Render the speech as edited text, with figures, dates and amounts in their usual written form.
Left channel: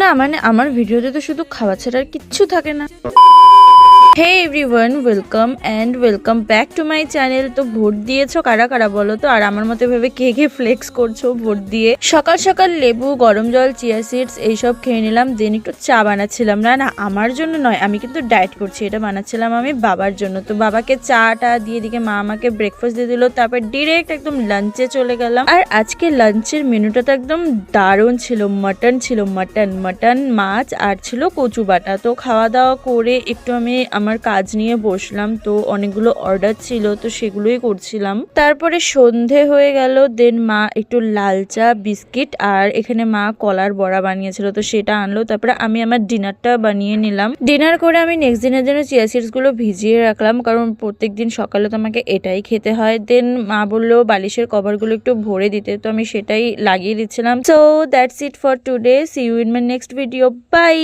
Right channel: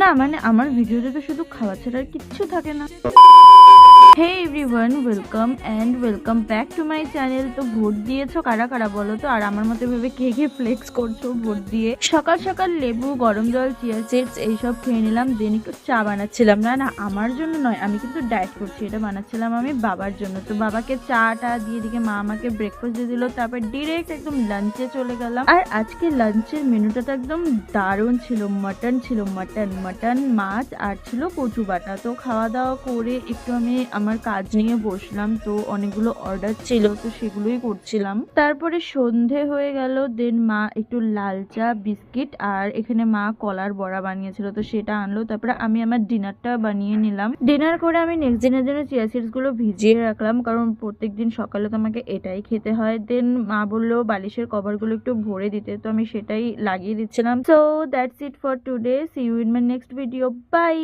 না মানে আমার ভিডিওতে তো শুধু খাওয়া ছাড়া আর কিচ্ছু থাকে না। Hey everyone, welcome back to my channel. তো ভোট দিয়েছো কারা কারা বলো তো? আর আমার মতো ভেবে কে কে ফ্লেক্স করছো ভোট দিয়ে? সকাল সকাল লেবু, গরম জল, চিয়া সিডস এইসব খেয়ে নিলাম। দেন একটু চা বানাচ্ছিলাম। না না, আমার জন্য নয়, আমি কিন্তু ডায়েট করছি। এটা বানাচ্ছিলাম আমি বাবার জন্য। তো বাবাকে চাটা দিয়ে দিকে মা আমাকে ব্রেকফাস্ট দিয়ে দিল। তারপর ডিরেক্ট একদম লাঞ্চে চলে গেলাম। আর আজকে লাঞ্চের মেনুটা তো একদম দারুণ ছিল। মাটন মাছ আর ছিল কচু বাটা। তো খাওয়া দাওয়া করে একটু আমি আমার কাজ নিয়ে বসলাম। তো অনেকগুলো অর্ডার ছিল, তো সেগুলোই করছিলাম। তারপরে সন্ধে হয়ে গেল। দেন মা একটু লাল চা, বিস্কিট আর এখানে মা কলার বড়া বানিয়েছিল, তো সেটা আনলো। তারপরে আমি আমার ডিনারটা বানিয়ে নিলাম। ডিনার করে আমি নেক্সট দিনের জন্য চিয়া সিডস গুলো ভিজিয়ে রাখলাম, কারণ প্রত্যেকদিন সকালে তো আমাকে এটাই খেতে হয়। দেন মা বললো বালিশের কভারগুলো একটু ভরে দিতে, তো আমি সেটাই লাগিয়ে দিচ্ছিলাম। So that's it for today. See you in my next video. By.